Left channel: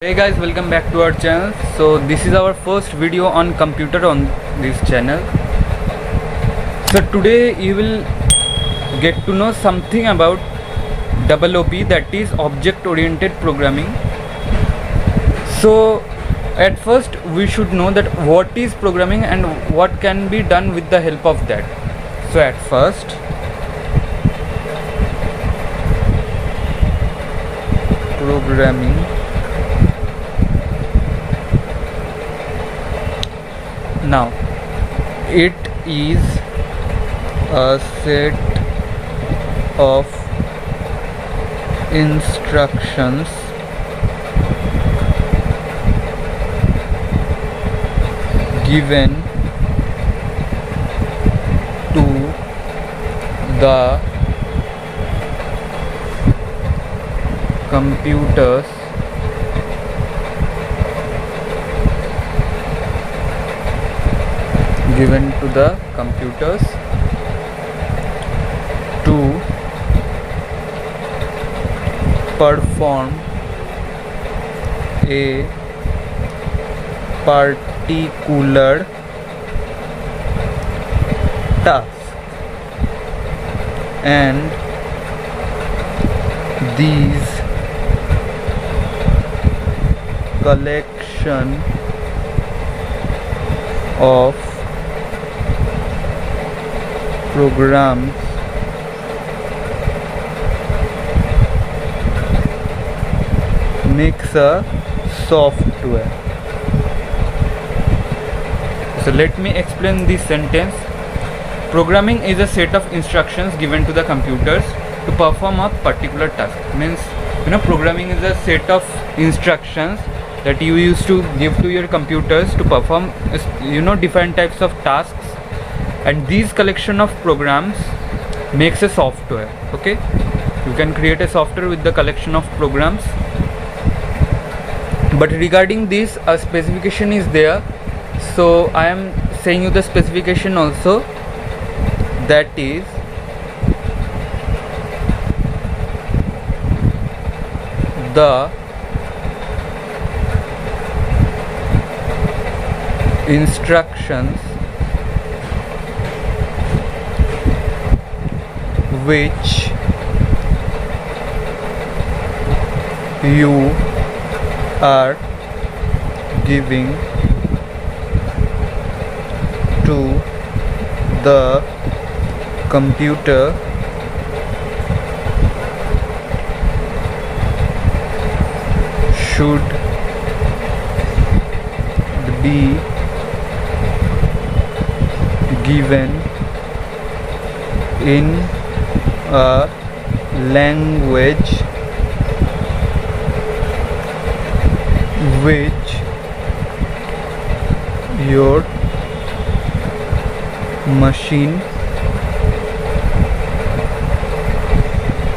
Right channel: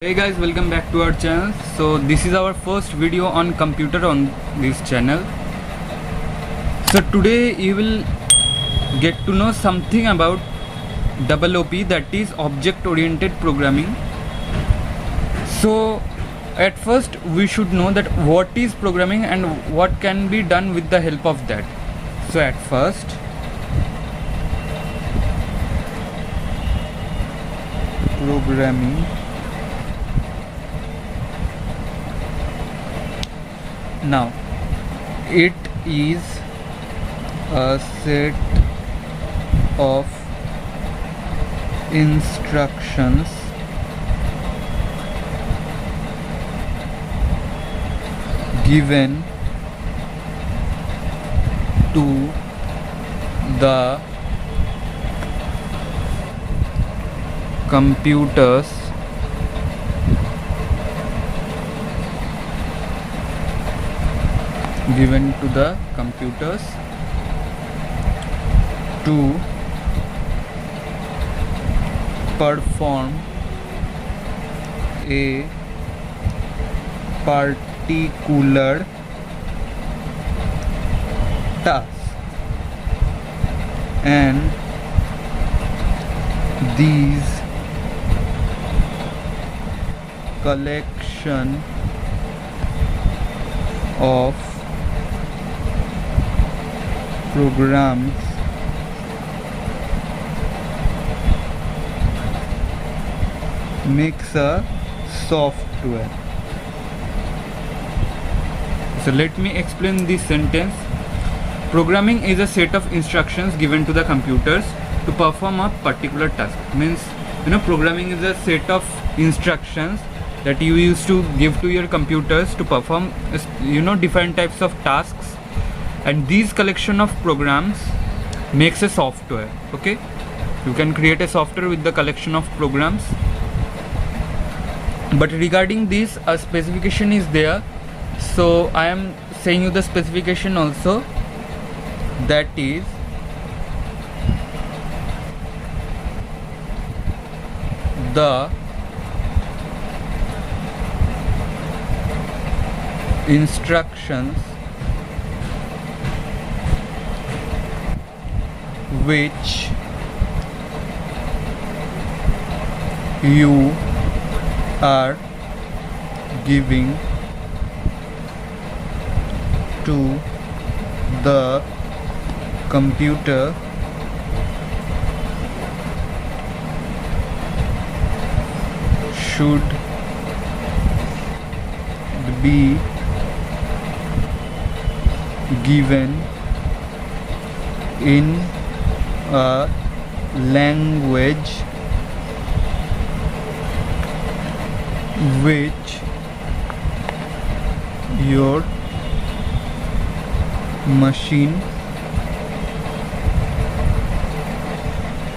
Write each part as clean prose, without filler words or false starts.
Hey guys, welcome back to our channel. So this is our first video on computer on this channel. So today you will get to know something about OOP, that is object oriented programming. So at first we should know that what is programming and what can be done with the help of that. So at first programming, now it is a set of instructions given to the computers to perform a particular task, and these collection of programs makes a software. So let me explain this sentence. Programming is a set of instructions given to the computers to perform a particular task. Means, programming is a set of instructions that you used to give to your computers to perform different types of tasks, and these collection of programs makes a software. Okay, you can create a software with the collection of programs. But regarding this, a specification is there, so I am saying you the specification also, that is the instructions which you are giving to the computer should be given in a language which your machine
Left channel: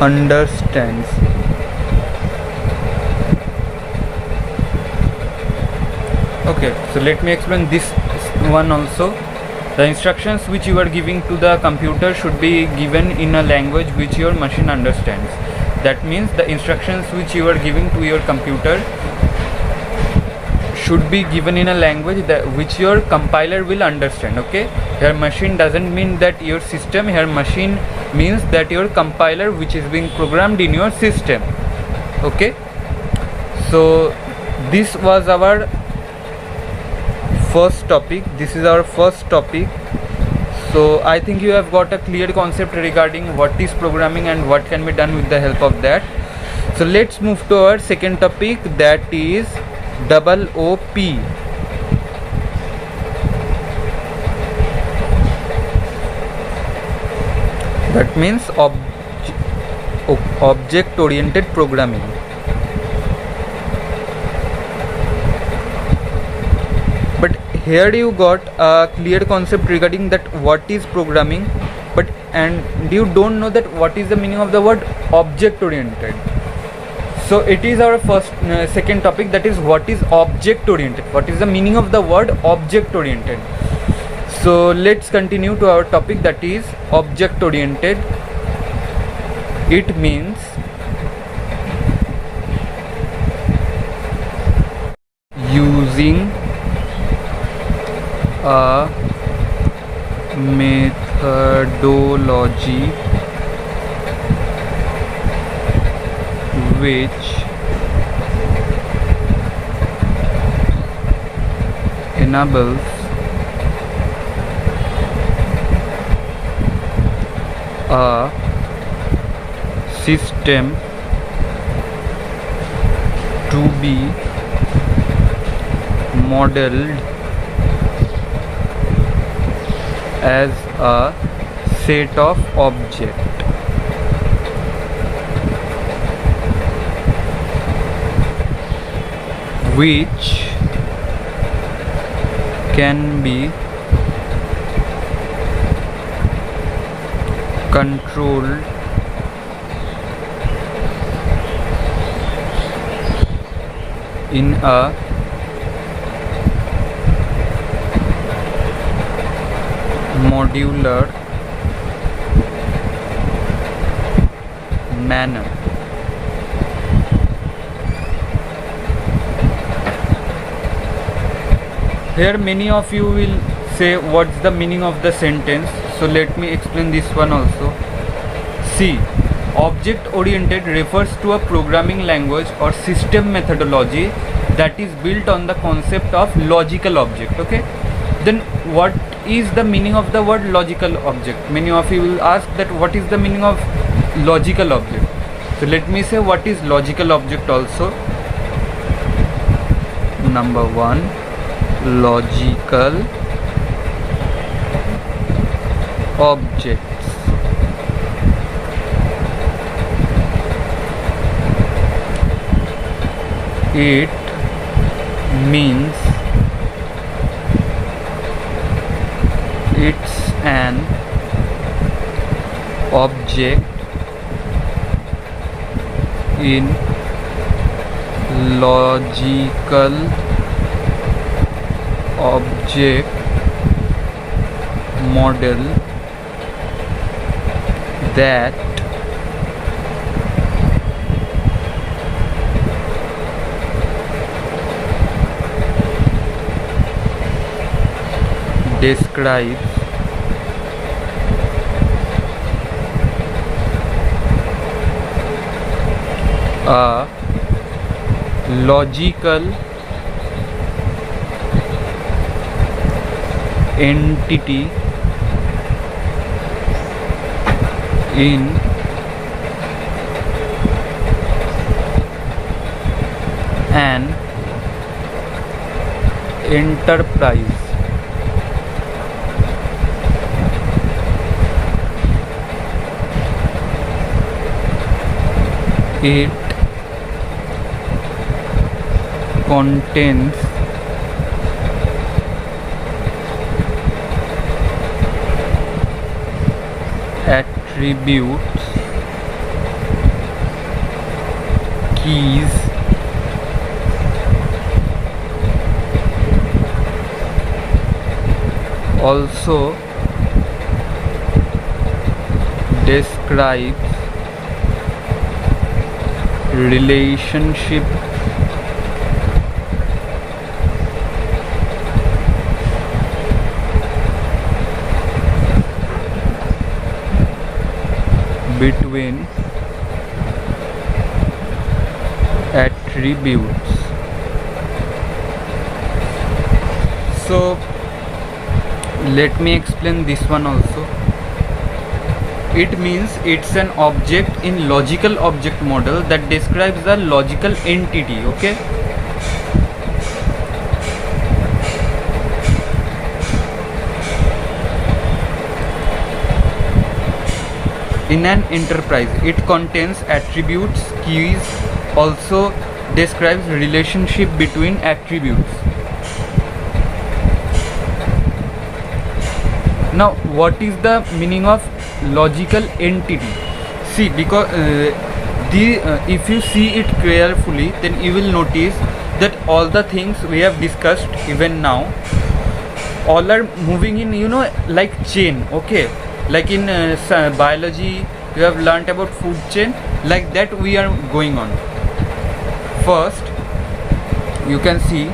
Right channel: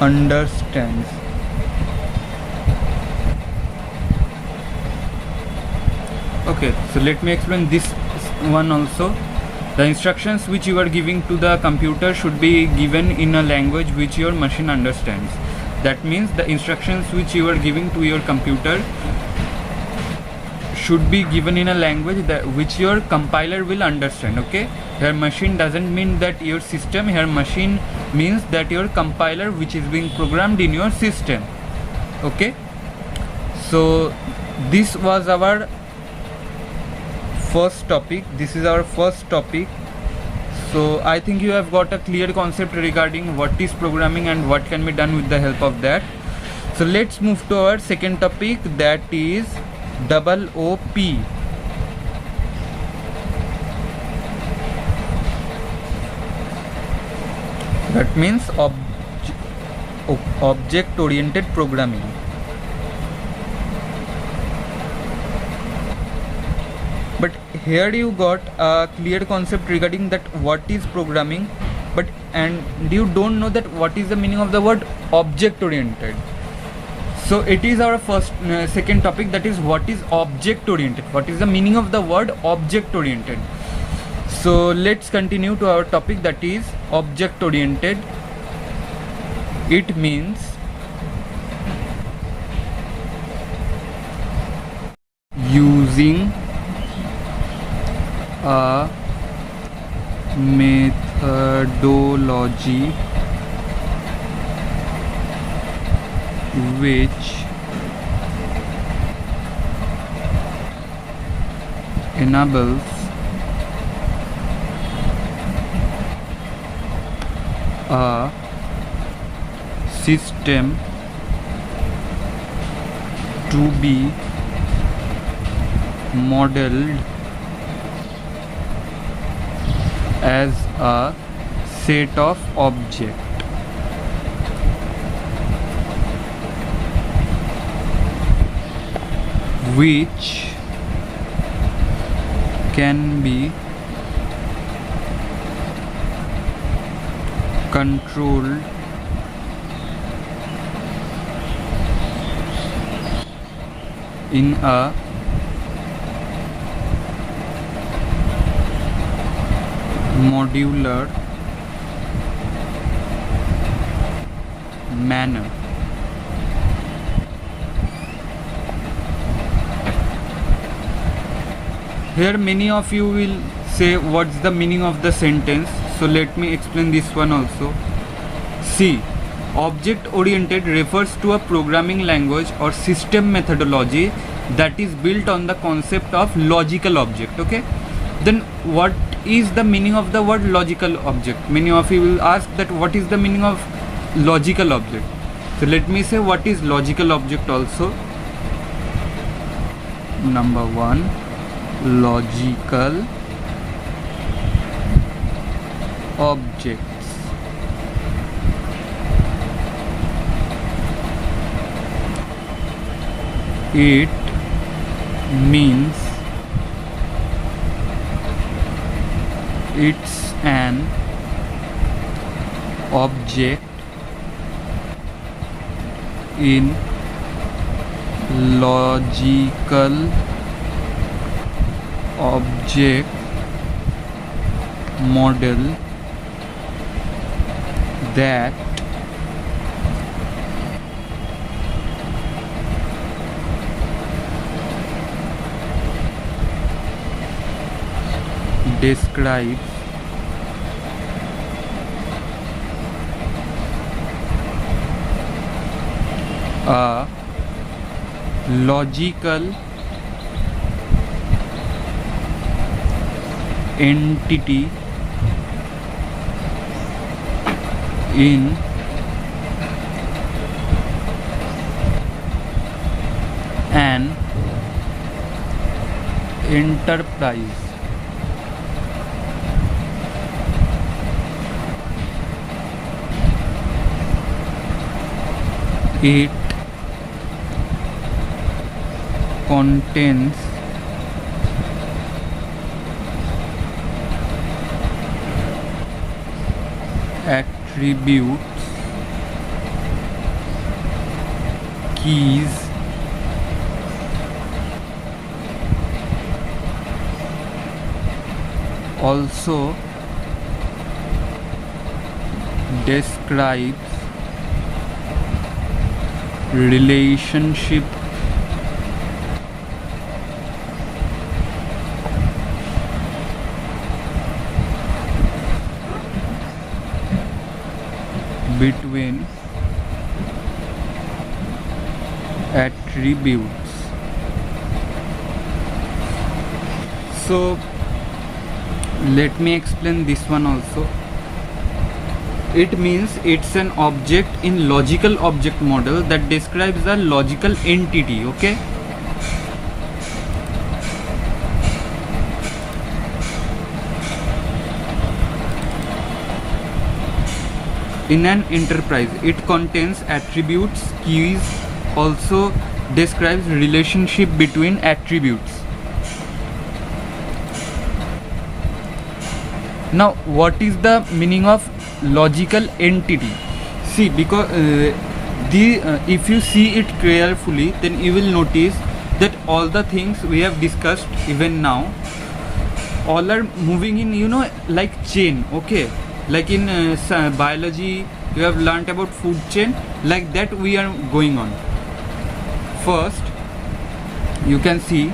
understands. Okay, so let me explain this one also. The instructions which you are giving to the computer should be given in a language which your machine understands. That means the instructions which you are giving to your computer should be given in a language that which your compiler will understand. Okay, your machine doesn't mean that your system, your machine means that your compiler which is being programmed in your system. Okay, so this was our first topic. This is our first topic. So I think you have got a clear concept regarding what is programming and what can be done with the help of that. So let's move to our second topic, that is OOP. That means object oriented programming. But here you got a clear concept regarding that what is programming, and you don't know that what is the meaning of the word object oriented. So it is our second topic, that is what is object oriented. What is the meaning of the word object oriented? So let's continue to our topic, that is object oriented. It means using a methodology which enables a system to be modeled as a set of objects which can be controlled in a modular manner. Here many of you will say what's the meaning of the sentence, so let me explain this one also. See, object oriented refers to a programming language or system methodology that is built on the concept of logical object. Okay, then what is the meaning of the word logical object? Many of you will ask that what is the meaning of logical object. So let me say what is logical object also. Number one, logical objects it means it's an object in logical object model that describes a logical entity in an enterprise. It contains attributes, keys, also describes relationship between attributes. So let me explain this one also. It means it's an object in logical object model that describes a logical entity. Okay, in an enterprise. It contains attributes, keys, also describes relationship between attributes. Now what is the meaning of logical entity? See, because if you see it carefully, then you will notice that all the things we have discussed even now, all are moving in, you know, like chain. Okay, like in biology you have learnt about food chain, like that we are going on. First you can see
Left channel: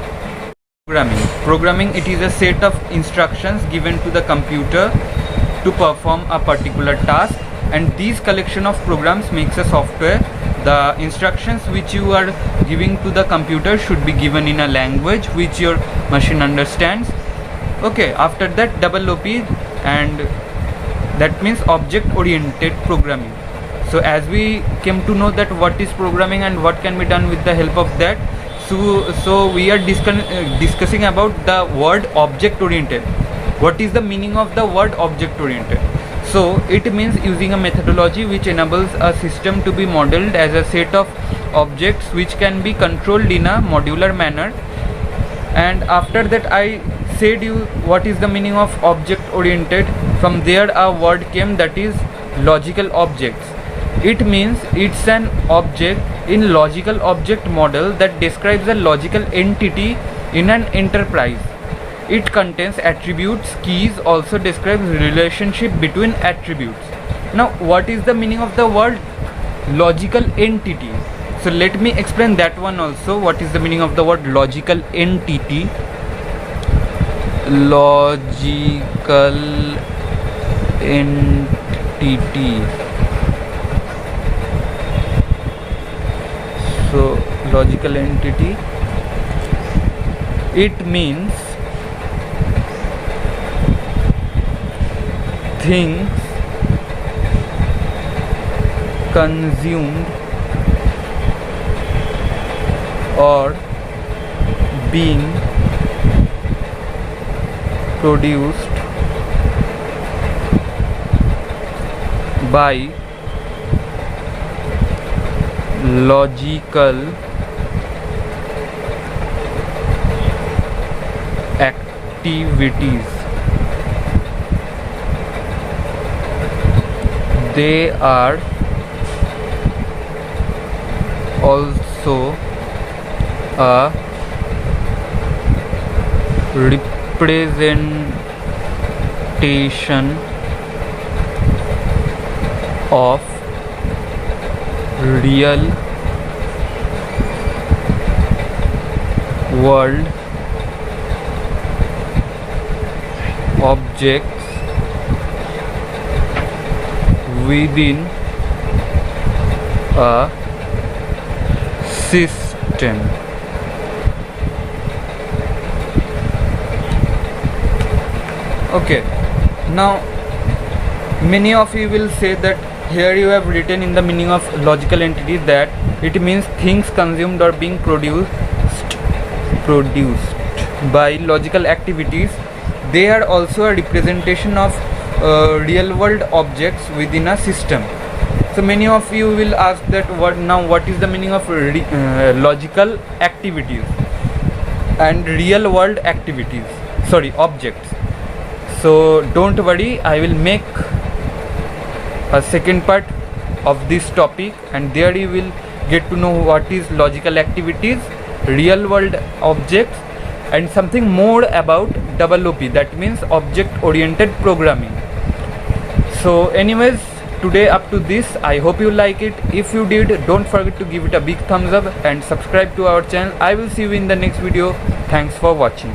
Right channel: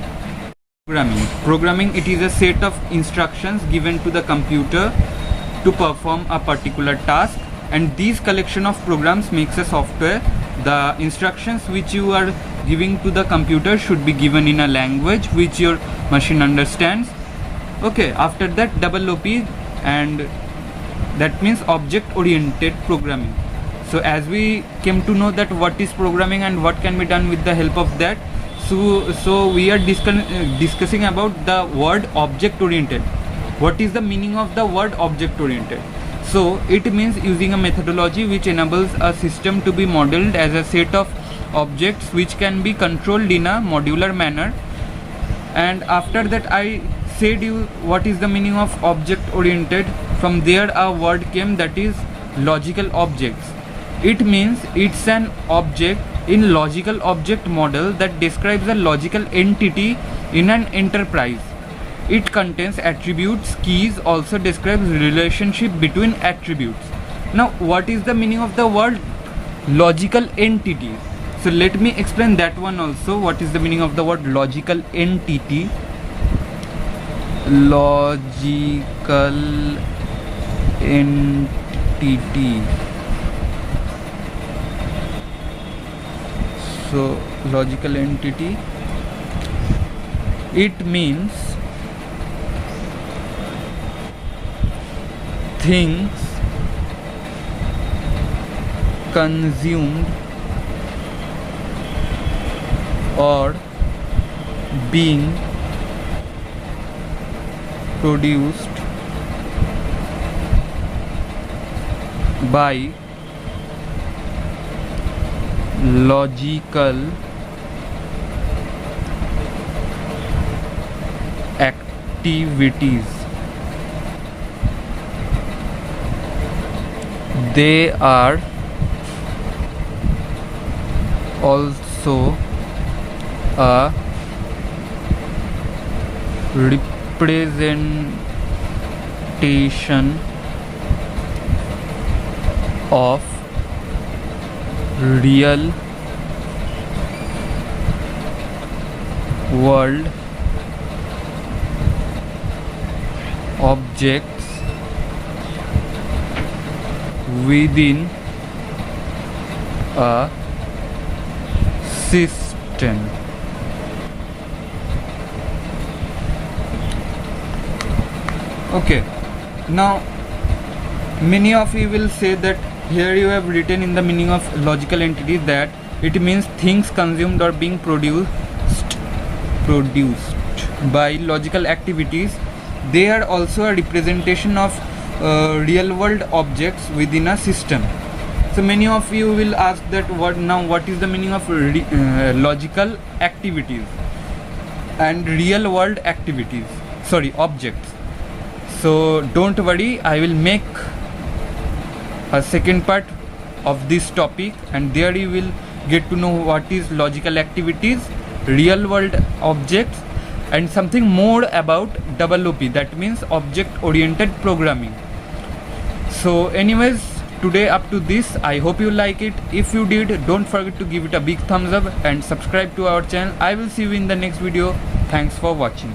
Programming, it is a set of instructions given to the computer to perform a particular task, and these collection of programs makes a software. The instructions which you are giving to the computer should be given in a language which your machine understands. Okay, after that double OP, and that means object oriented programming. So as we came to know that what is programming and what can be done with the help of that, so we are discussing about the word object oriented. What is the meaning of the word object oriented? So it means using a methodology which enables a system to be modeled as a set of objects which can be controlled in a modular manner. And after that I said you what is the meaning of object oriented. From there a word came, that is logical objects. It means it's an object in logical object model that describes a logical entity in an enterprise. It contains attributes, keys, also describes relationship between attributes. Now what is the meaning of the word logical entity? So let me explain that one also. What is the meaning of the word logical entity? Logical entity. So logical entity, it means things consumed or being produced by logical activities. They are also a representation of real world objects within a system. Okay, now many of you will say that here you have written in the meaning of logical entity that it means things consumed or being produced by logical activities. They are also a representation of real world objects within a system. So many of you will ask that what is the meaning of logical activities and real world activities, objects. So don't worry, I will make a second part of this topic, and there you will get to know what is logical activities, real world objects, and something more about OOP, that means object oriented programming. So anyways, today up to this. I hope you like it. If you did, don't forget to give it a big thumbs up and subscribe to our channel. I will see you in the next video. Thanks for watching.